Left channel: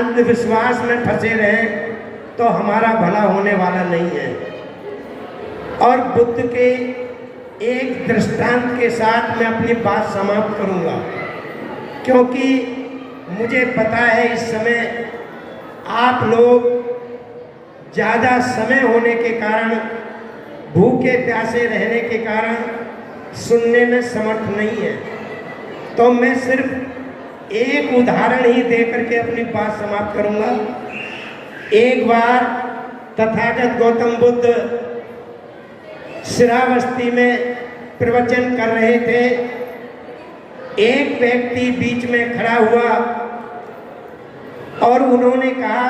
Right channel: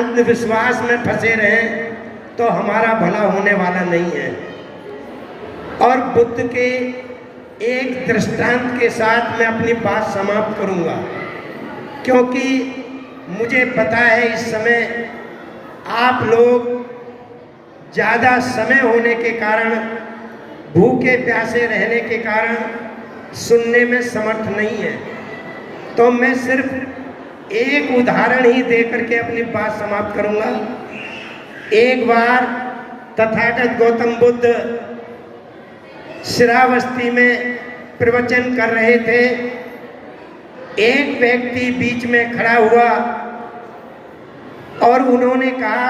अंधविश्वास में फंसे रहें तो हमारा भला होने वाला नहीं है। और बुद्ध के एक दृष्टांत के साथ मैं अपनी बात समाप्त करूंगा, क्योंकि मुझे पता है इस समय आप लोग ज़्यादा समय होने के कारण, भूखे प्यासे रहने के कारण सुनने में समर्थ नहीं है। तो मैं सिर्फ एक उदाहरण ही दे करके अपनी बात समाप्त करूंगा। एक बार तथागत गौतम बुद्ध श्रावस्ती में प्रवचन कर रहे थे। एक व्यक्ति बीच में खड़ा हुआ और उन्होंने कहा,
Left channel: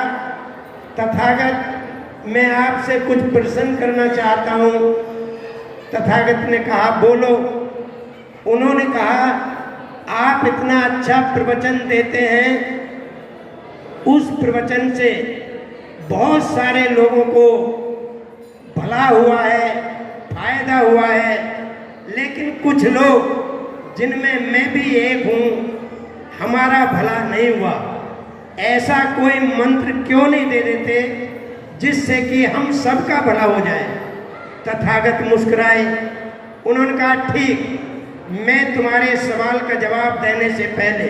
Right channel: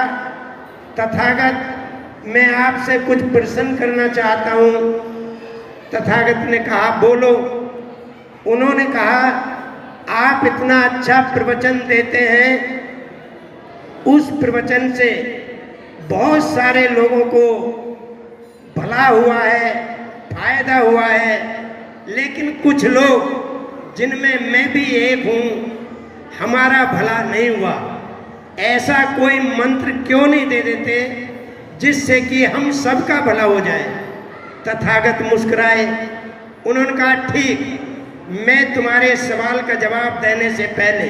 तथागत मैं आपसे कुछ प्रश्न करना चाहता हूँ। तथागत ने कहा बोलो। उन्होंने कहा आप इतना अच्छा प्रवचन देते हैं, उस प्रवचन से बहुत सारे लोगों को भला हुआ है, फायदा हुआ है, लेकिन कुछ लोग जिनमें मैं भी एक हूँ हमारा भला नहीं हुआ। ऐसा कोई मंत्र क्यों नहीं दे देते जिससे कि हम सबका भला हो जाए। तथागत मुस्कुराए। उन्होंने कहा ठीक, मैं तुम्हारे सवाल का जवाब देने से पहले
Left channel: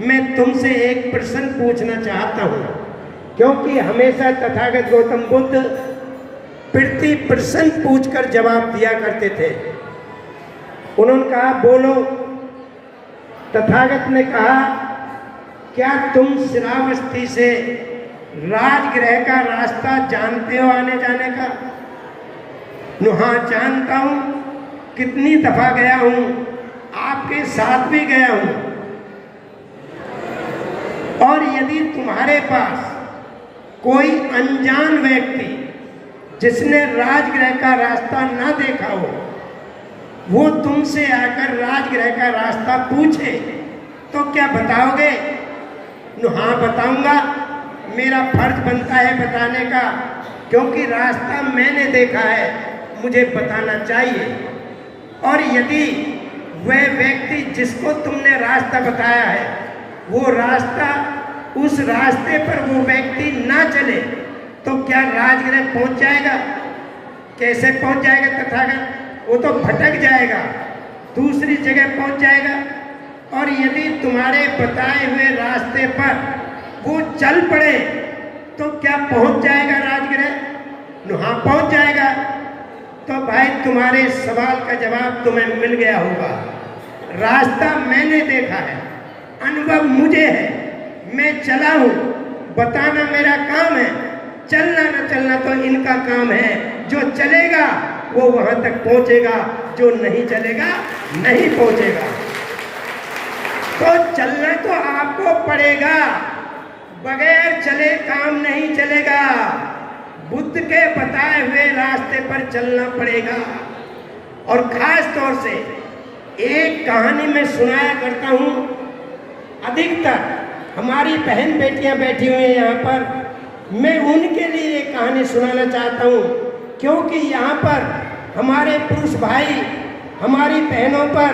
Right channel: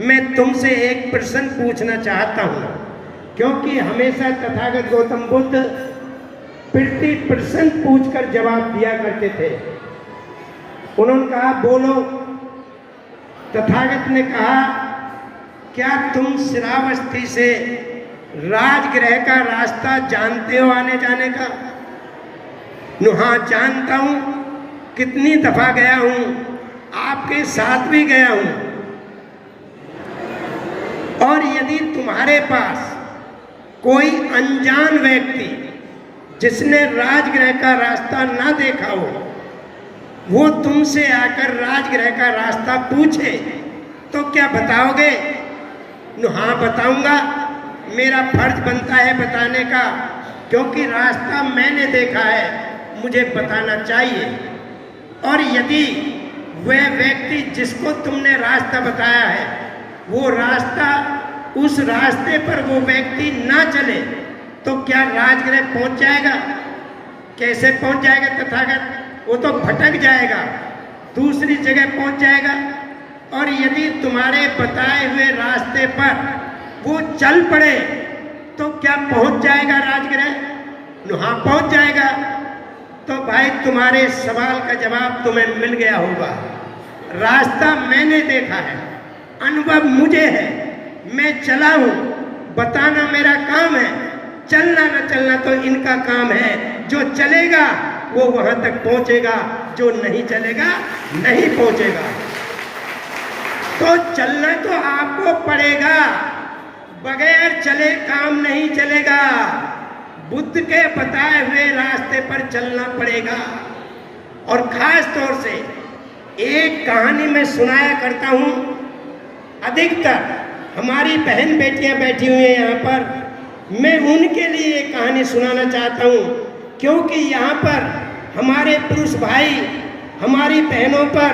मैं तुमसे एक प्रश्न पूछना चाहता हूँ, क्योंकि हमेशा तथागत गौतम बुद्ध प्रति प्रश्न पूछकर जवाब दिया करते थे। उन्होंने कहा बोलो। तथागत ने कहा क्या तुम श्रावस्ती से राजगृह का रास्ता जानते हो आने जाने का? हाँ जानता हूँ, कितनी दफा गया हूँ, आपके साथ भी गया हूँ। और यदि तुम्हारे पास कोई अनजान व्यक्ति जिसने राजगृह का रास्ता ना देखा हो, वो तुमसे आकर राजगृह का रास्ता पूछे तो क्या बताओगे? हाँ बताऊंगा, मेरा फर्ज बनता है बताने का, क्योंकि रास्ता मैंने देखा है, मुझे बताना चाहिए। और यदि वह व्यक्ति जिसको तुमने रास्ता बताया है वो रास्ता, उस रास्ते पर वो व्यक्ति ना चले तो क्या राजगृह पहुंच जाएगा? कैसे पहुंच जाएगा तथागत? वो तो भटक जाएगा, दूसरी जगह पहुंच जाएगा। और यदि तुम्हारे बताए हुए रास्ते पर वो चल पड़े तो क्या पहुंच जाएगा राजगृह? हाँ पहुंच जाएगा। तो भाई तुम्हारे सवाल का जवाब तुम्हें मिल गया होगा। रास्ता मैंने देखा है, अनुभव मुझे है, मैं चला हूँ, बताना मेरा काम है, चलना न चलना तो इनका काम है। जो चलेगा वो वहां तक पहुंचेगा, जो नहीं चलेगा नहीं पहुंचेगा। तो चलना तो आपको पड़ेगा, बगैर चले काम नहीं चलेगा। बुद्ध के बताए हुए रास्ते पर चलना पड़ेगा। और खास तौर से एक कहानी मैं सुनाया करता हूँ। अधिकतर हमारी बहन बेटियां बैठी हुई हैं यहाँ पर, मैं उनके लिए एक कहानी सुनाना चाहता हूँ, क्योंकि यहाँ पर हमारे पुरुष भाई हमारी बहनों पर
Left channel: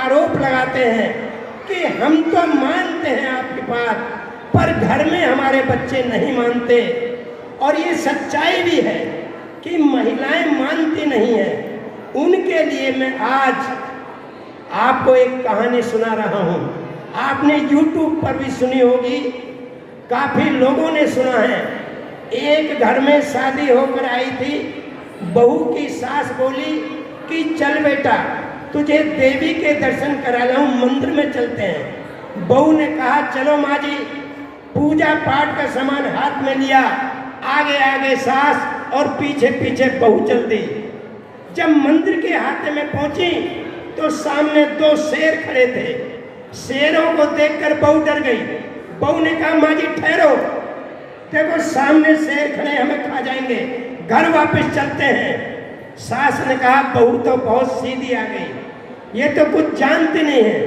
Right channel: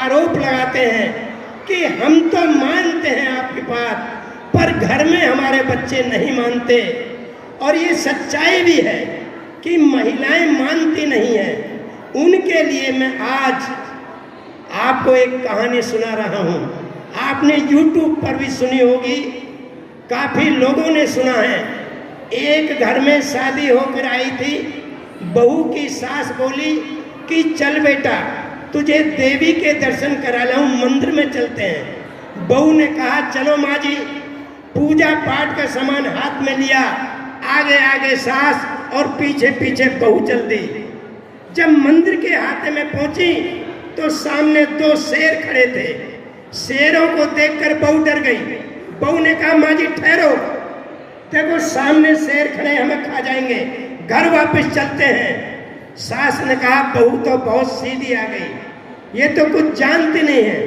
आरोप लगाते हैं कि हम तो मानते हैं आपकी बात, पर घर में हमारे बच्चे नहीं मानते। और ये सच्चाई भी है कि महिलाएं मानती नहीं हैं। उनके लिए मैं आज आपको एक कहानी सुना रहा हूँ। आपने YouTube पर भी सुनी होगी, काफी लोगों ने सुना है। एक घर में शादी होकर आई थी, बहू की सास बोली कि चल बेटा तुझे देवी के दर्शन करा लाऊं, मंदिर में चलते हैं। बहू ने कहा चलो माँ जी। पूजा पाठ का सामान हाथ में लिया, आगे आगे सास और पीछे पीछे बहू चल दी। जब मंदिर के हाथे में पहुंची तो सामने दो शेर खड़े थे। शेरों को देखकर बहू डर गई। बहू ने कहा माँ जी ठहरो, देखो सामने शेर खड़े, हमें खा जाएंगे, घर वापस चलते हैं। सास ने कहा बहू तो बहुत सीधी आ गई, ये तो कुछ जानते नहीं है।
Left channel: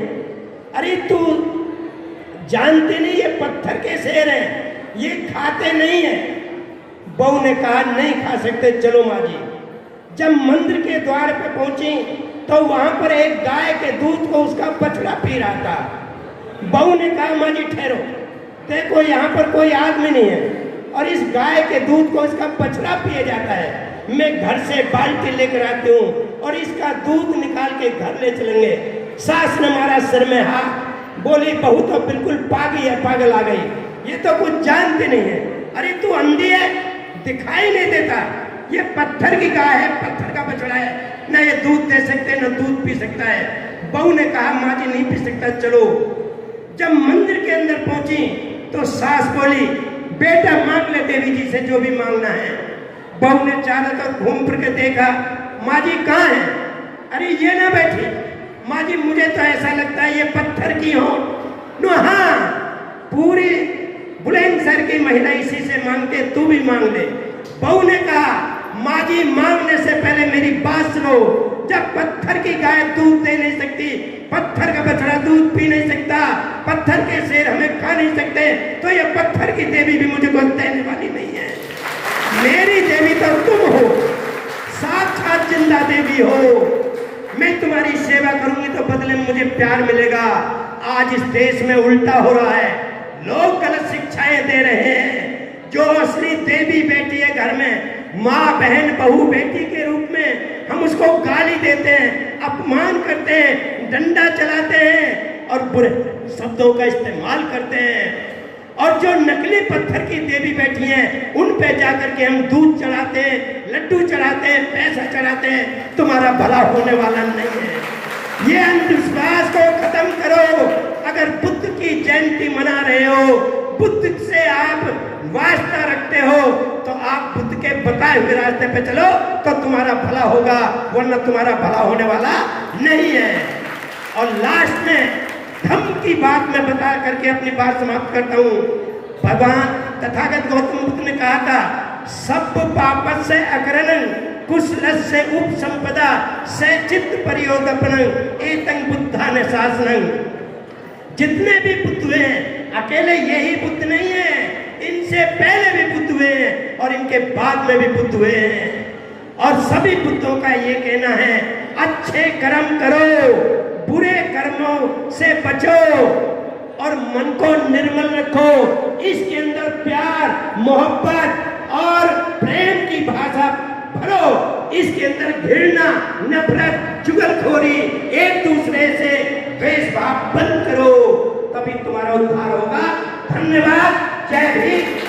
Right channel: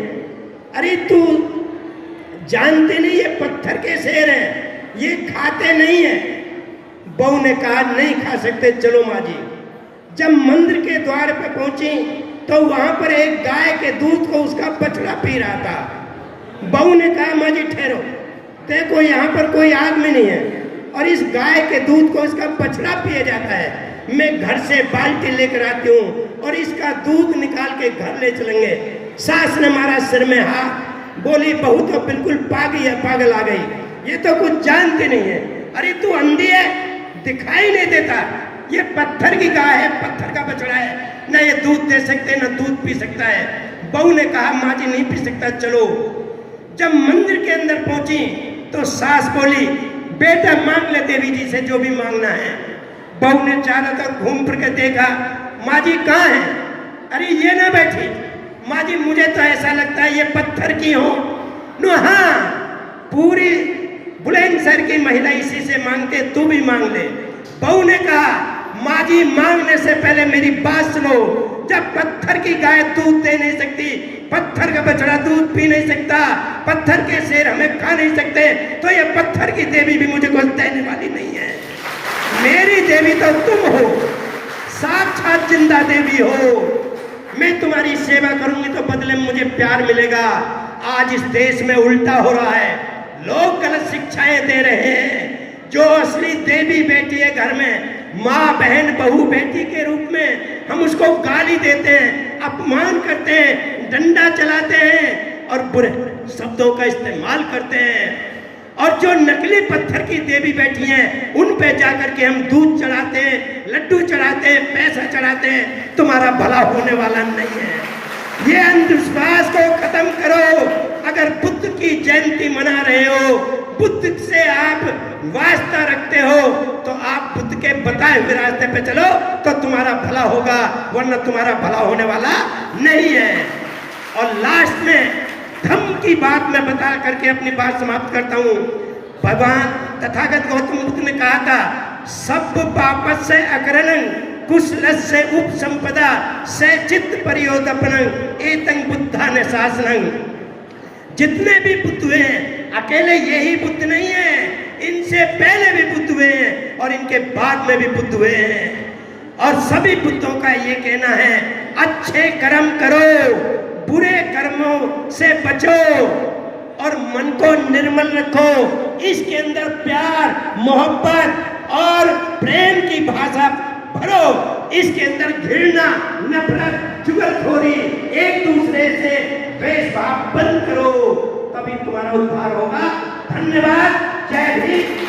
अरे तू जानते नहीं, ये पत्थर के शेर हैं, ये खाते नहीं है। बहू ने कहा नहीं खा सकते, चलो माँ जी। जब मंदिर के द्वार पे पहुंची तो वहां पर एक गाय के दूध को उसका बछड़ा पी रहा था। बहू ने कहा माँ जी ठहरो, देखो यहाँ पर कोई आदमी नहीं है और इस गाय के दूध को इसका बछड़ा पिया जाता है। मैं घर से बाल्टी लेकर आती हूँ और इसका दूध निकाल के घर ले चलेंगे। सास ने मारा सिर में हाथ, बोली बहू तो बिल्कुल पागल आ गई, ये तो कुछ जानती नहीं है। अरे तू अंधी है, दिखाई नहीं देता, ये पत्थर की गाय है, पत्थर का बछड़ा है, ना ये दूध दे सकते ना दूध पी सकता है। बहू ने कहा माँ जी नहीं पी सकता, चलो। जब मंदिर के अंदर पहुंची तो सास बोली बेटा मांग ले देवी जी से जो भी मांगना है। बहू ने चारों तरफ घूम फिर के देखा, माँ जी कहाँ है? अरे ये ना बैठी। माँ जी मुझे तो ऐसा लगता है ये पत्थर की हो। नो हाँ, पूरी बुलंदशहर की महिला इसी से मांगते, तू भी मांग ले। बहू ने कहा माँ जी मांगने से पहले मेरी बात सुनो, जब पत्थर की गाय दूध दे नहीं सकती, पत्थर का बछड़ा दूध पी नहीं सकता, पत्थर के शेर हमें खा नहीं सकते, तो ये पत्थर की देवी भी मुझे कुछ देने वाली नहीं है। मेरी देवी तो तुम हो, साक्षात जिंदा देवी हो। मैं तुम्हारी सेवा करूंगी तो बदले में मुझे प्यार मिलेगा। आज इस देश में उल्टा हो रहा है, लोग गलत शिक्षाएं दे रहे हैं। जो असली देवी बेटी है घर में, माँ बहन बहू बेटी के रूप में, हम उसको गाली देते हैं, अपमान करते हैं, डंडा चलाते हैं और बुरे शब्दों का इस्तेमाल करते हैं। और जो नकली पत्थर की देवी बैठी हैं उन पे जाकर के हम दूध चढ़ाते हैं, लड्डू चढ़ाते हैं, पैसा चढ़ाते हैं। तुम्हारा भला होने वाला नहीं है। ये अंधविश्वास को खत्म करो। अगर बुद्ध की जयंती मना रहे हो, बुद्ध से आप वास्ता रखते हो, तो आप बुद्ध के बताए हुए रास्ते पे चलो तो तुम्हारा भला होगा, वरना तुम्हारा भला होने वाला नहीं है। और लास्ट में धम्म की बात मैं बता करके अपनी बात समाप्त करता हूँ। भगवान तथागत गौतम बुद्ध ने कहा था, सब पापत से अकरणं कुशल से उपसंपदा से चित्त परियोदपनं एतं बुद्धा ने शासनं। जितने भी बुद्ध हुए हैं, अकेले यही बुद्ध नहीं है, इनसे पहले भी बुद्ध हुए हैं और इनके बाद में भी बुद्ध हुए हैं। और सभी बुद्धों का ये कहना है, अच्छे कर्म करो, बुरे कर्मों से बचो और मन को निर्मल रखो। इसके अंदर प्यार, मोहब्बत और प्रेम की भाषा भरो। इसके अंदर घृणा, नफरत, चुगलखोरी, एक दूसरे से द्वेष भाव बंद करो, तभी तुम्हारा उद्धार होगा। धन्यवाद। जय हिंद।